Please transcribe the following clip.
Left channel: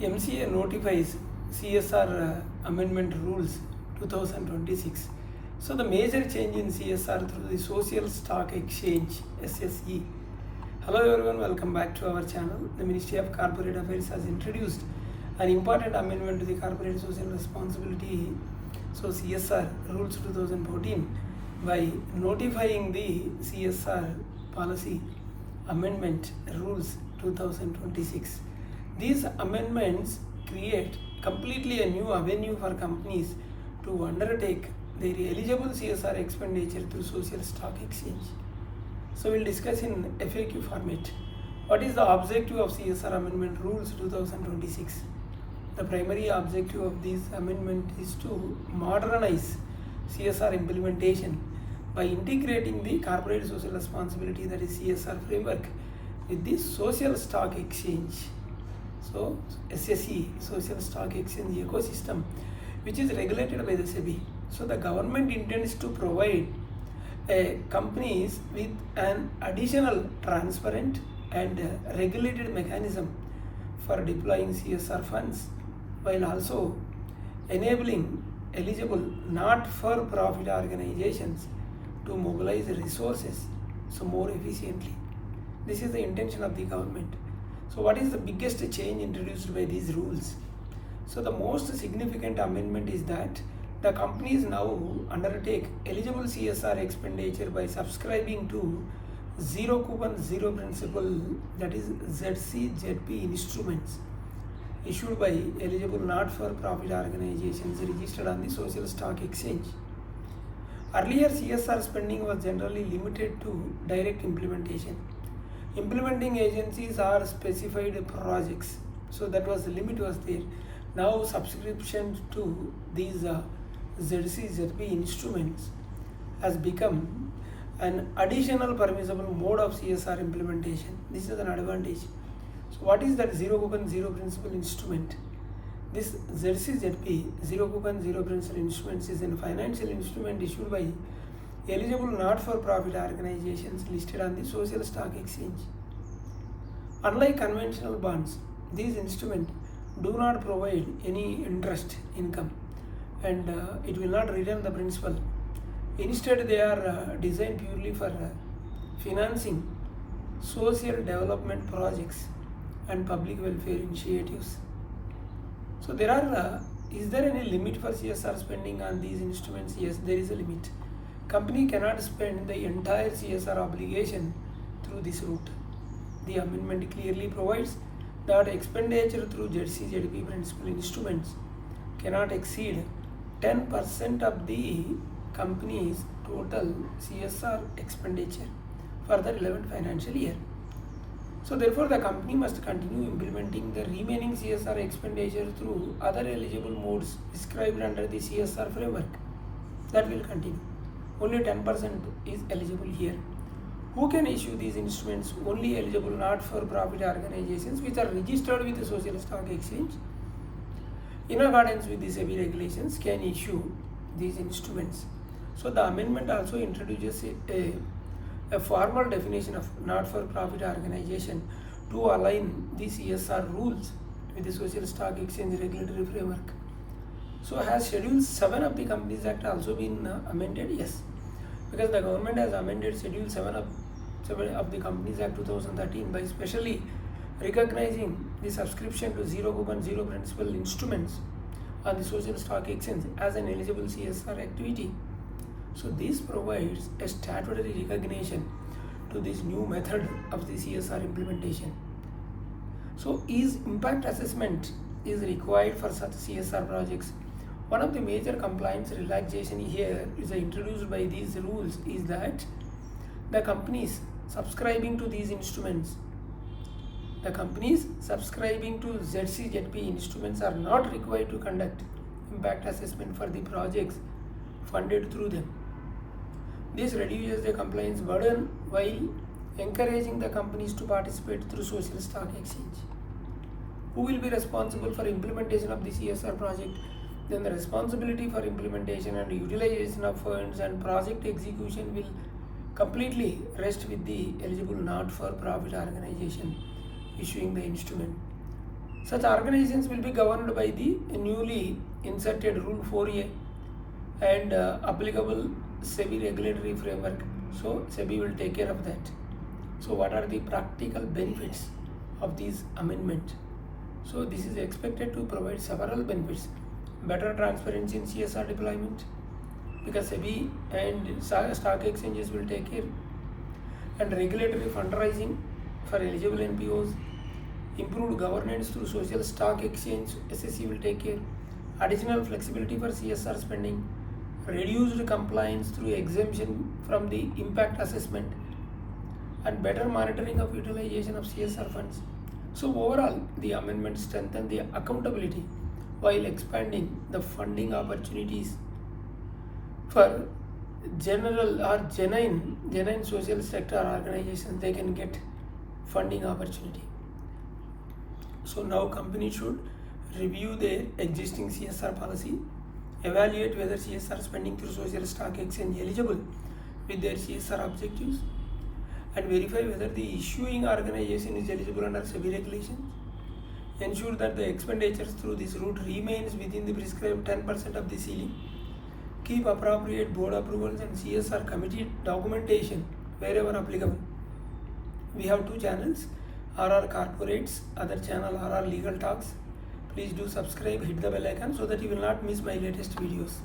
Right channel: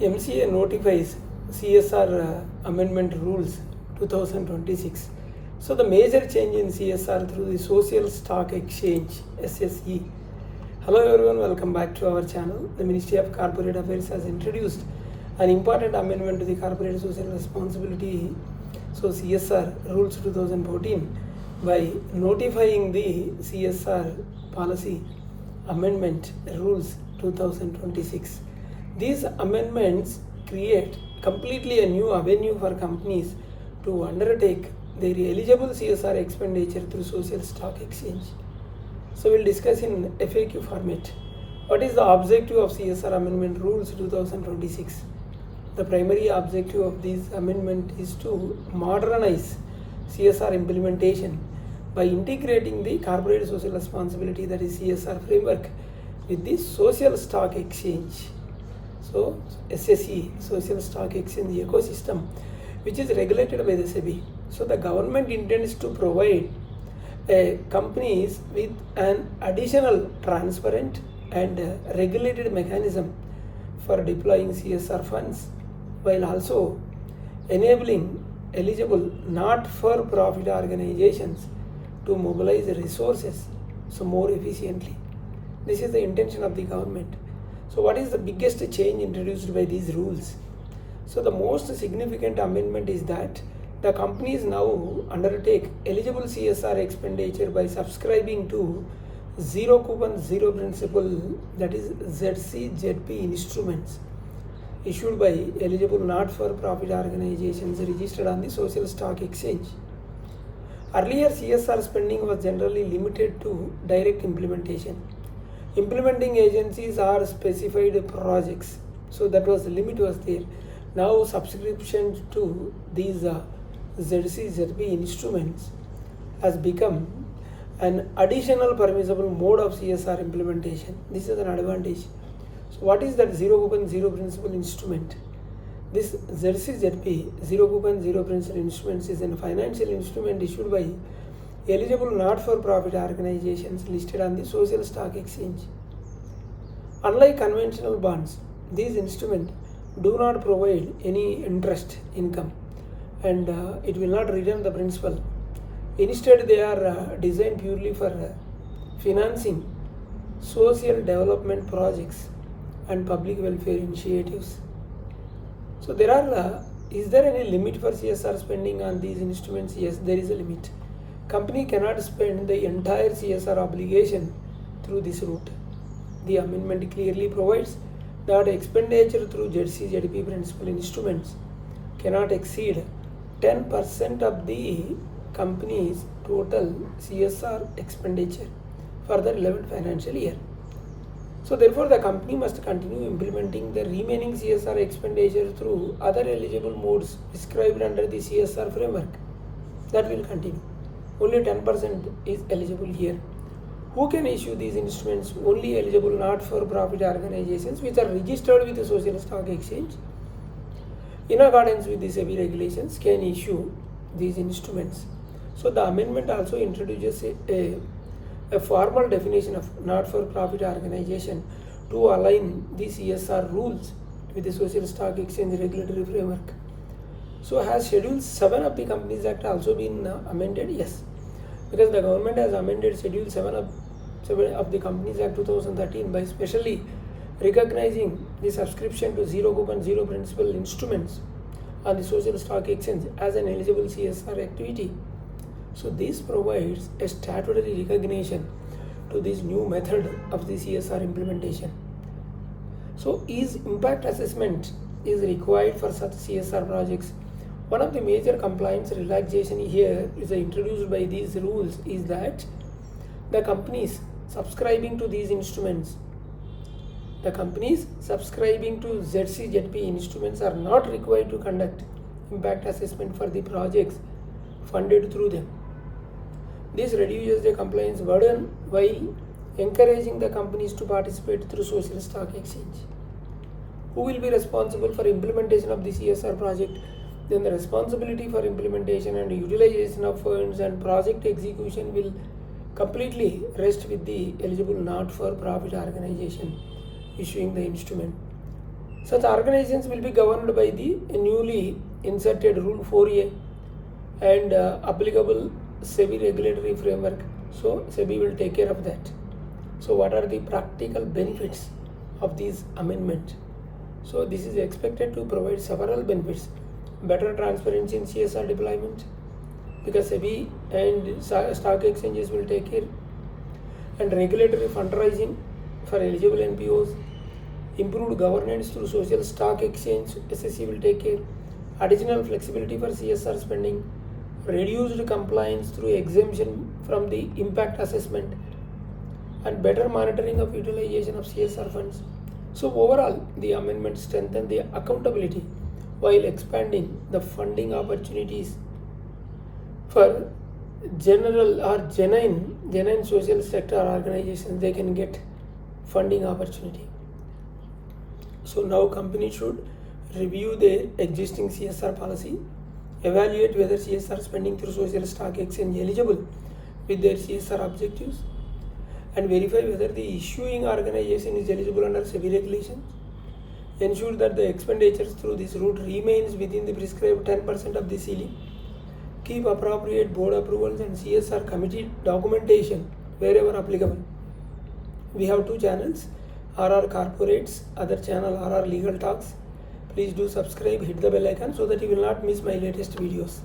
MCA notifies CSR amendment rules 2026. So the major change in CSR through the Social Stock Exchange SSE. Hello everyone, welcome back to our channel. The Ministry of Corporate Affairs has introduced an important amendment to the Corporate Social Responsibility, so CSR rules 2014, by notifying the CSR policy amendment rules 2026. These amendments create completely a new avenue for companies to undertake their eligible CSR expenditure through social stock exchange. So we'll discuss in FAQ format. What is the objective of CSR amendment rules 2026? The primary objective of this amendment is to modernize CSR implementation by integrating the corporate social responsibility, that is CSR framework, with the social stock exchange. So SSE, social stock exchange ecosystem, which is regulated by the SEBI. So the government intends to provide companies with an additional transparent and regulated mechanism for deploying CSR funds, while also enabling eligible not-for-profit organizations to mobilize resources so more efficiently. This is the intention of the government. So what is the biggest change introduced by these rules? So the most significant amendment is that the companies now undertake eligible CSR expenditure by subscribing to zero coupon zero principle, that is ZCZP instruments issued by eligible not-for-profit organizations registered on the social stock exchange. Earlier, CSR spending was generally limited to direct implementation. Implementing agencies are specified projects, so that was the limit was there. Now subscription to these ZCZP instruments has become an additional permissible mode of CSR implementation. This is an advantage. So what is that zero coupon zero principle instrument? This ZCZP, zero coupon zero principle instruments, is a financial instrument issued by eligible not-for-profit organizations listed on the social stock exchange. Unlike conventional bonds, these instruments do not provide any interest income, and it will not return the principal. Instead, they are designed purely for financing social development projects and public welfare initiatives. So there are, is there any limit for CSR spending on these instruments? Yes, there is a limit. Company cannot spend the entire CSR obligation through this route. The amendment clearly provides that expenditure through ZCZP principal instruments cannot exceed 10% of the company's total CSR expenditure for the relevant financial year. So therefore, the company must continue implementing the remaining CSR expenditure through other eligible modes prescribed under the CSR framework. That will continue. Only 10% is eligible here. Who can issue these instruments? Only eligible not-for-profit organizations which are registered with the social stock exchange in accordance with the SEBI regulations can issue these instruments. So the amendment also introduces a formal definition of not-for-profit organization to align the CSR rules with the social stock exchange regulatory framework. So has Schedule 7 of the Companies Act also been amended? Yes, because the government has amended Schedule 7 of the Companies Act 2013 by specially recognizing the subscription to zero coupon zero principle instruments on the social stock exchange as an eligible CSR activity. So this provides a statutory recognition to this new method of the CSR implementation. So is impact assessment is required for such CSR projects? One of the major compliance relaxation here is introduced by these rules is that the companies subscribing to these instruments, the companies subscribing to ZCZP instruments are not required to conduct impact assessment for the projects funded through them. This reduces the compliance burden while encouraging the companies to participate through social stock exchange. Who will be responsible for implementation of the CSR project? Then the responsibility for implementation and utilization of funds and project execution will completely rest with the eligible not-for-profit organization issuing the instrument. Such organizations will be governed by the newly inserted Rule 4A and applicable SEBI regulatory framework. So SEBI will take care of that. So what are the practical benefits of these amendment? So this is expected to provide several benefits. Better transparency in CSR deployment, because SEBI and stock exchanges will take care, and regulatory fundraising for eligible NPOs, improved governance through social stock exchange, SSE will take care, additional flexibility for CSR spending, reduced compliance through exemption from the impact assessment, and better monitoring of utilization of CSR funds. So overall, the amendment strengthens the accountability while expanding the funding opportunities for general or genuine social sector organizations. They can get funding opportunity. So now companies should review their existing CSR policy, evaluate whether CSR spending through social stock exchange eligible with their CSR objectives, and verify whether the issuing organization is eligible under SEBI regulations. Ensure that the expenditures through this route remains within the prescribed 10% of the ceiling. Keep appropriate board approvals and CSR committee documentation wherever applicable. We have 2 channels, RR Corporates, other channel RR Legal Talks. Please do subscribe, hit the bell icon so that you will not miss my latest videos.